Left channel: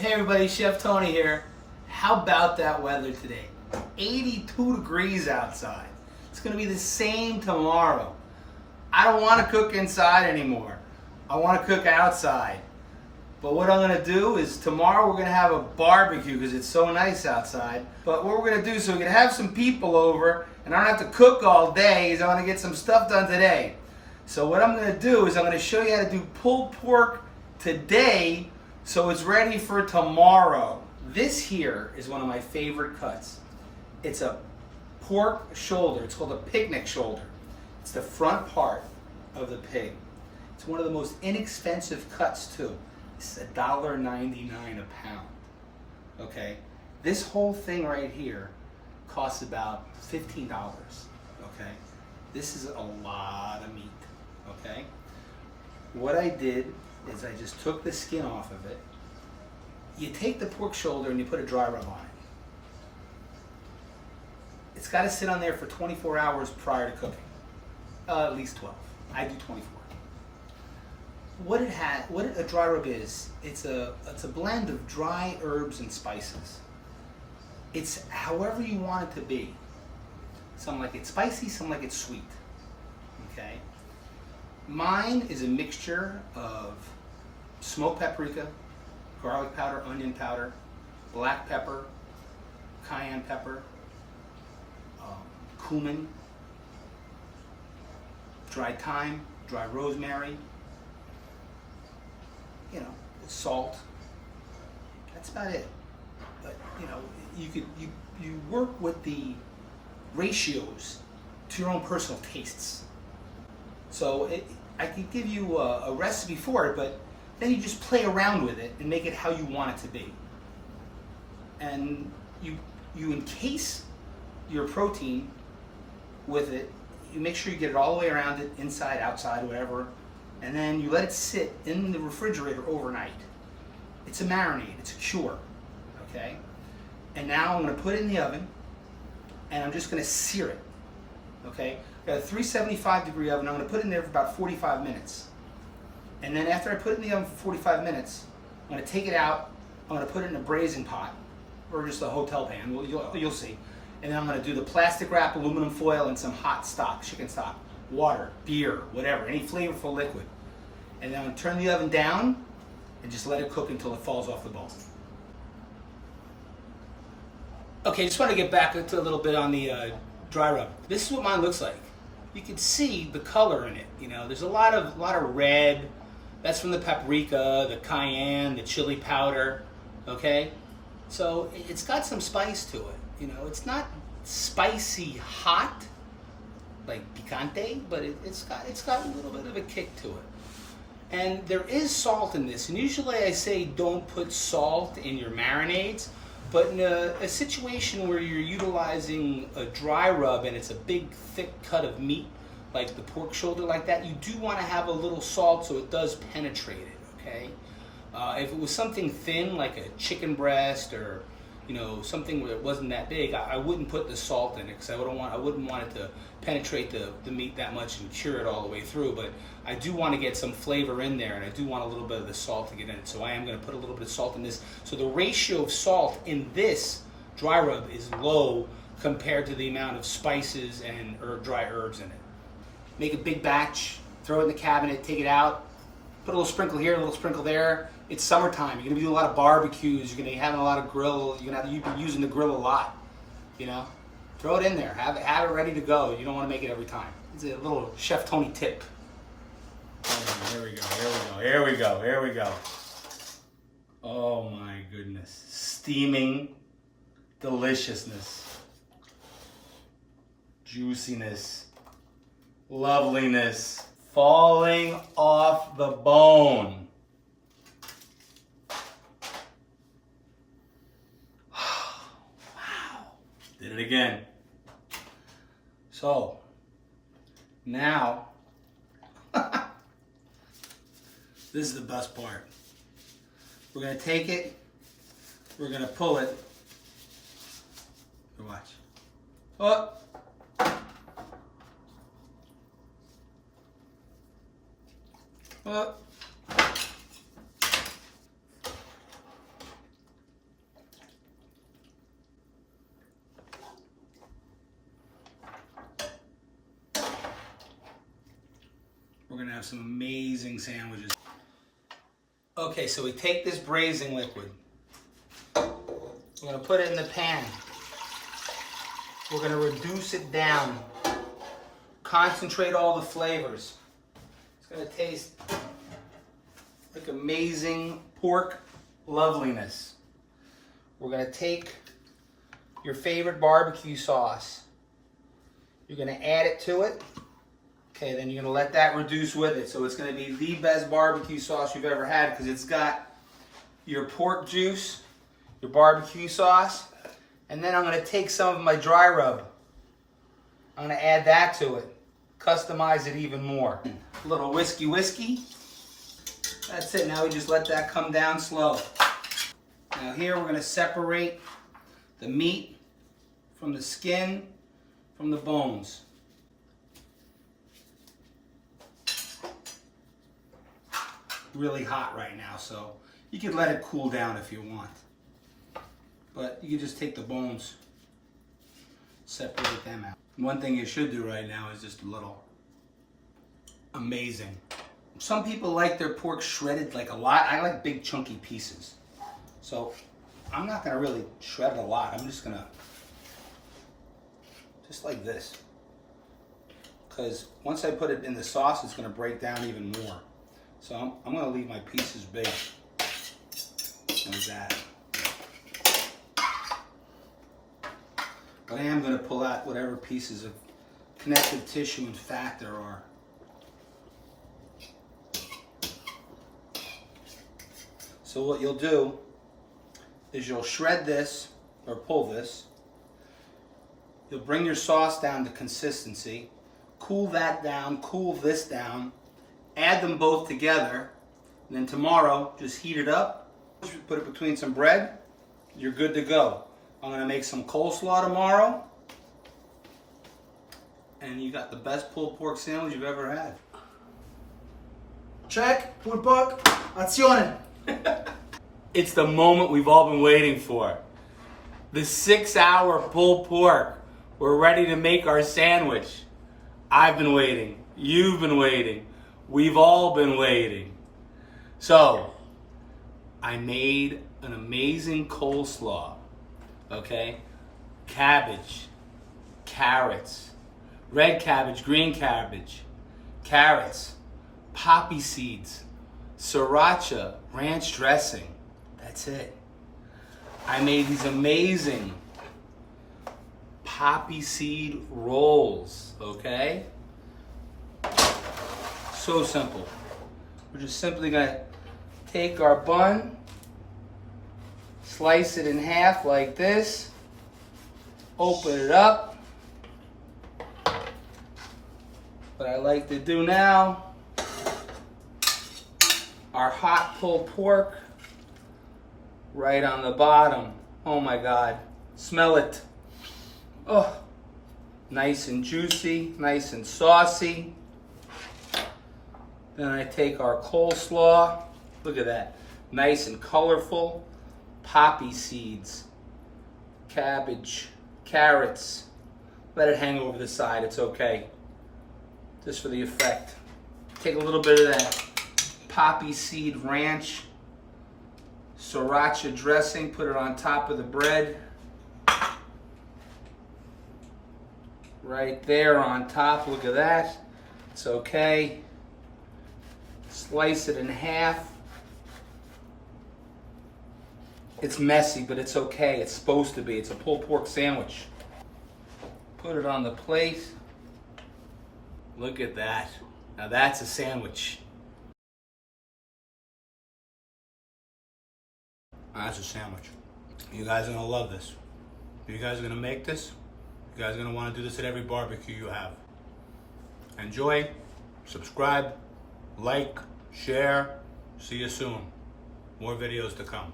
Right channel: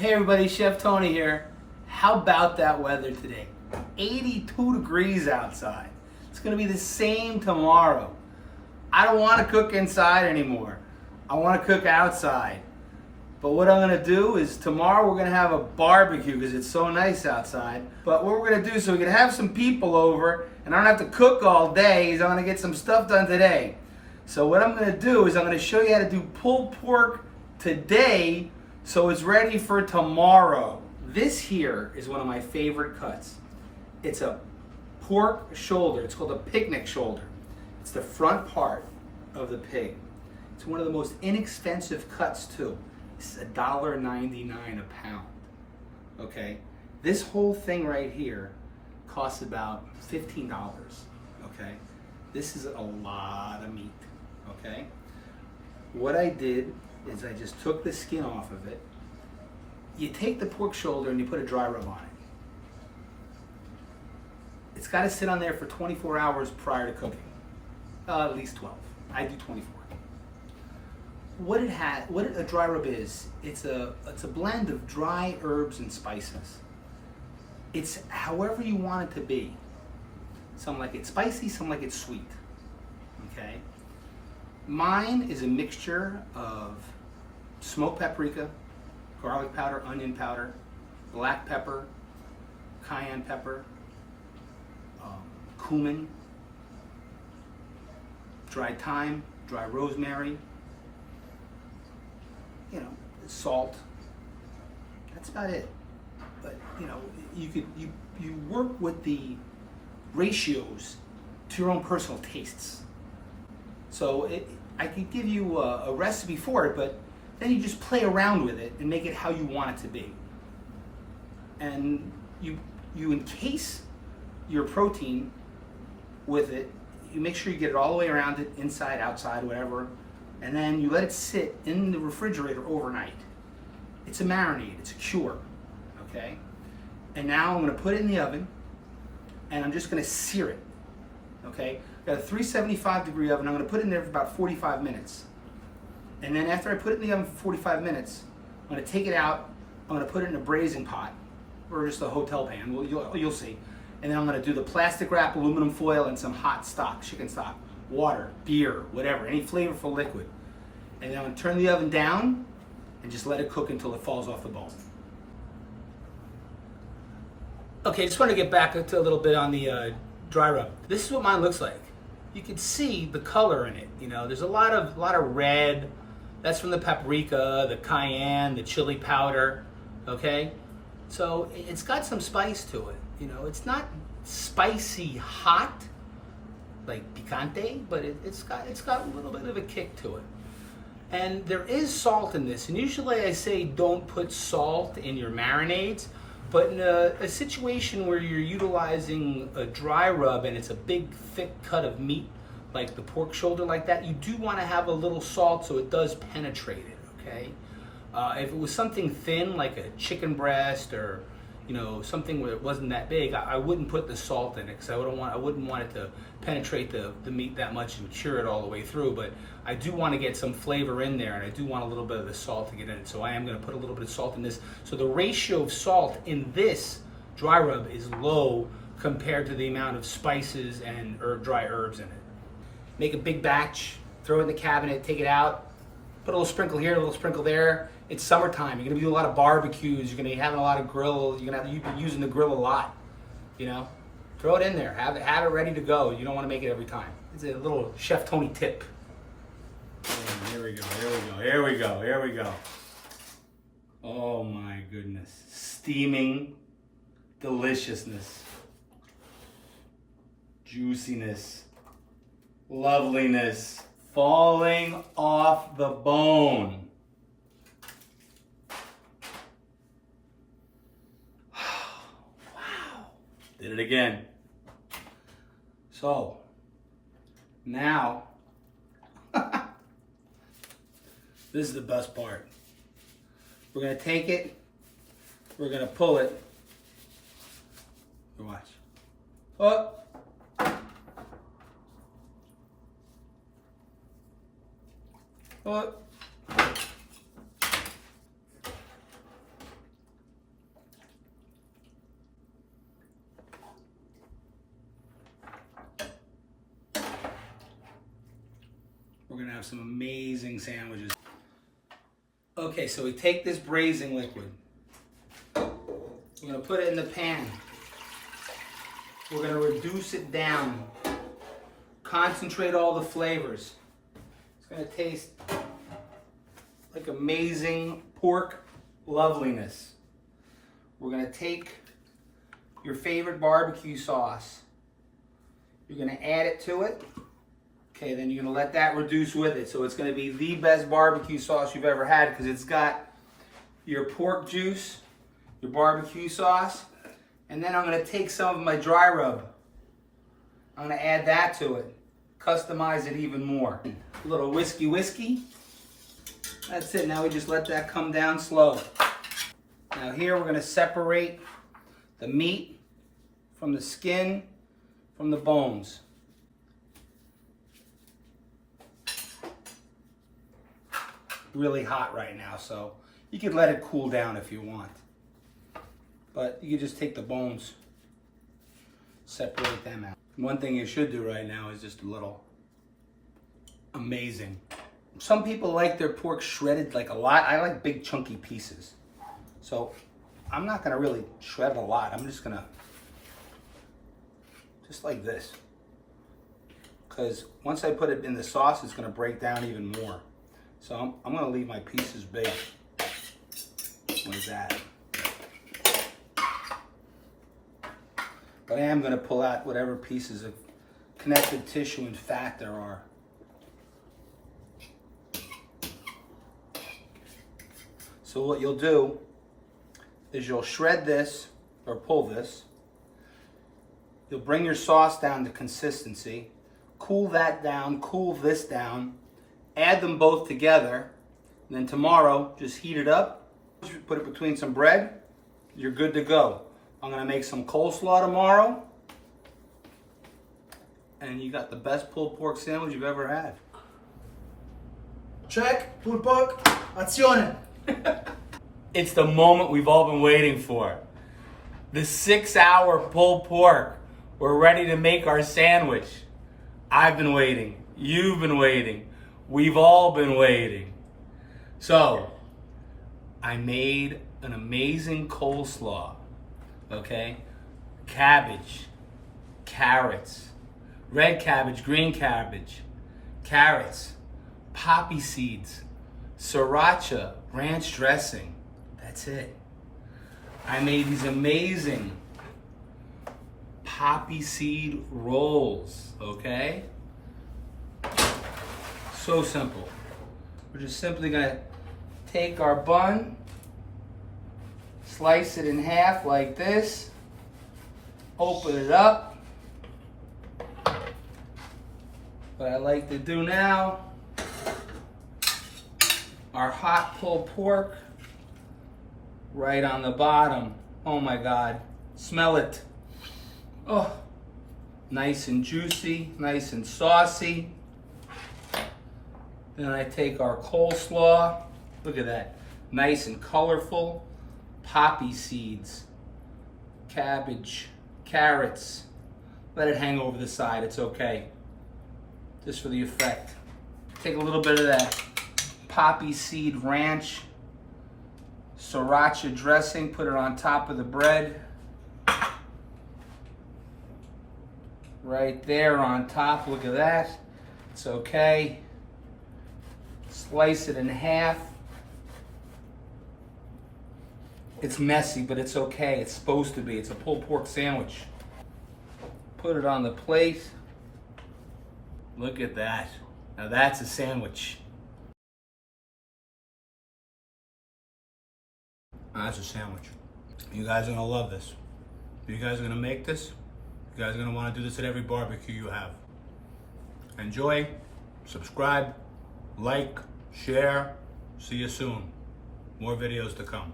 Hey everybody, Chef Tony here. How about that weather today? 82 degrees outside. It's gonna be the same tomorrow. I don't wanna cook inside anymore. I wanna cook outside. But what I'm gonna do is tomorrow we're gonna have a barbecue because it's so nice outside. But what we're gonna do, so we're gonna have some people over and I don't have to cook all day, is I'm gonna get some stuff done today. So what I'm gonna do is I'm gonna show you how to do pulled pork today so it's ready for tomorrow. This here is one of my favorite cuts. It's a pork shoulder. It's called a picnic shoulder. It's the front part of the pig. It's one of the most inexpensive cuts too. It's $1.99 a pound. Okay, this whole thing right here costs about $15. Okay, this is a lot of meat. Okay, what I did is I just took the skin off of it. You take the pork shoulder and you put a dry rub on it. It's got to sit on there for 24 hours prior to cooking. At least 12. I do 24. What a dry rub is, it's a blend of dry herbs and spices. It's however you want it to be. Some like it spicy, some like it sweet. Okay? Mine is a mixture of smoked paprika, garlic powder, onion powder, black pepper, cayenne pepper, cumin, dried thyme, dry rosemary, salt. That's about it. But you work with the ratios to your own personal tastes. So I could give you a recipe for it, but then you just play around with it and make it how you want it to be. And you encase your protein with it. You make sure you get it all the way around it, inside, outside, whatever, and then you let it sit in the refrigerator overnight. It's a marinade, it's a cure, okay? And now I'm gonna put it in the oven, and I'm just gonna sear it, okay? I've got a 375 degree oven. I'm gonna put it in there for about 45 minutes. And then after I put it in the oven for 45 minutes, I'm gonna take it out, I'm gonna put it in a braising pot, or just a hotel pan, you'll see. And then I'm gonna do the plastic wrap, aluminum foil, and some hot stock, chicken stock, water, beer, whatever, any flavorful liquid. And then I'm gonna turn the oven down and just let it cook until it falls off the bone. Okay, just want to get back to a little bit on the dry rub. This is what mine looks like. You can see the color in it. There's a lot of red. That's from the paprika, the cayenne, the chili powder. Okay, so it's got some spice to it. It's not spicy hot like picante, but it's got a little bit of a kick to it. And there is salt in this, and usually I say don't put salt in your marinades, but in a situation where you're utilizing a dry rub and it's a big thick cut of meat, like the pork shoulder like that, you do want to have a little salt so it does penetrate it, okay? If it was something thin like a chicken breast or something where it wasn't that big, I wouldn't put the salt in it because I wouldn't want it to penetrate the meat that much and cure it all the way through. But I do want to get some flavor in there, and I do want a little bit of the salt to get in it. So I am going to put a little bit of salt in this. So the ratio of salt in this dry rub is low compared to the amount of spices and dry herbs in it. Make a big batch, throw it in the cabinet, take it out, put a little sprinkle here, a little sprinkle there. It's summertime. You're gonna be doing a lot of barbecues. You're gonna be having a lot of grill. You're be using the grill a lot. Throw it in there. Have it ready to go. You don't want to make it every time. It's a little Chef Tony tip. Here we go. Here we go. Here we go. Oh my goodness! Steaming deliciousness, juiciness, loveliness, falling off the bone. Did it again. So, now, this is the best part. We're gonna take it, we're gonna pull it. Watch. Oh. Oh. have some amazing sandwiches. Okay, so we take this braising liquid. We're gonna put it in the pan. We're gonna reduce it down. Concentrate all the flavors. It's gonna taste like amazing pork loveliness. We're gonna take your favorite barbecue sauce. You're gonna add it to it. Okay, then you're gonna let that reduce with it. So it's gonna be the best barbecue sauce you've ever had because it's got your pork juice, your barbecue sauce, and then I'm gonna take some of my dry rub. I'm gonna add that to it. Customize it even more. A little whiskey. That's it, now we just let that come down slow. Now here we're gonna separate the meat from the skin, from the bones. Really hot right now, so you could let it cool down if you want. But you can just take the bones, separate them out. One thing you should do right now is just a little amazing. Some people like their pork shredded like a lot. I like big chunky pieces. So I'm not gonna really shred it a lot. I'm just gonna, just like this. Because once I put it in the sauce, it's gonna break down even more. So I'm gonna leave my pieces big, like that. But I am gonna pull out whatever pieces of connective tissue and fat there are. So what you'll do is you'll shred this, or pull this. You'll bring your sauce down to consistency, cool that down, cool this down, add them both together, and then tomorrow just heat it up, put it between some bread, you're good to go. I'm gonna make some coleslaw tomorrow, and you got the best pulled pork sandwich you've ever had. Check, pulled pork, azione. It's the moment we've all been waiting for. The 6-hour pulled pork. We're ready to make our sandwich. I've been waiting. You've been waiting. We've all been waiting. So, I made an amazing coleslaw. Okay? Cabbage, carrots, red cabbage, green cabbage, carrots, poppy seeds, sriracha, ranch dressing. That's it. I made these amazing poppy seed rolls, okay? So simple. We're just simply gonna take our bun, slice it in half like this, open it up. What I like to do now, our hot pulled pork right on the bottom. Oh my God, smell it. Oh, nice and juicy, nice and saucy. Then I take our coleslaw, look at that, nice and colorful. Poppy seeds, cabbage, carrots. Let it hang over the side, it's okay. Just for the effect. Take a little bit of that poppy seed ranch, sriracha dressing, put it on top of the bread. Right there on top, look at that. It's okay. Slice it in half. It's messy, but it's okay. It's supposed to be. It's a pulled pork sandwich. Put it on the plate. Look at that. Now that's a sandwich. That's a sandwich. You guys are gonna love this. You guys are gonna make this. You guys are gonna wanna do this at every barbecue you have. Enjoy, subscribe, like, share. See you soon. More videos to come.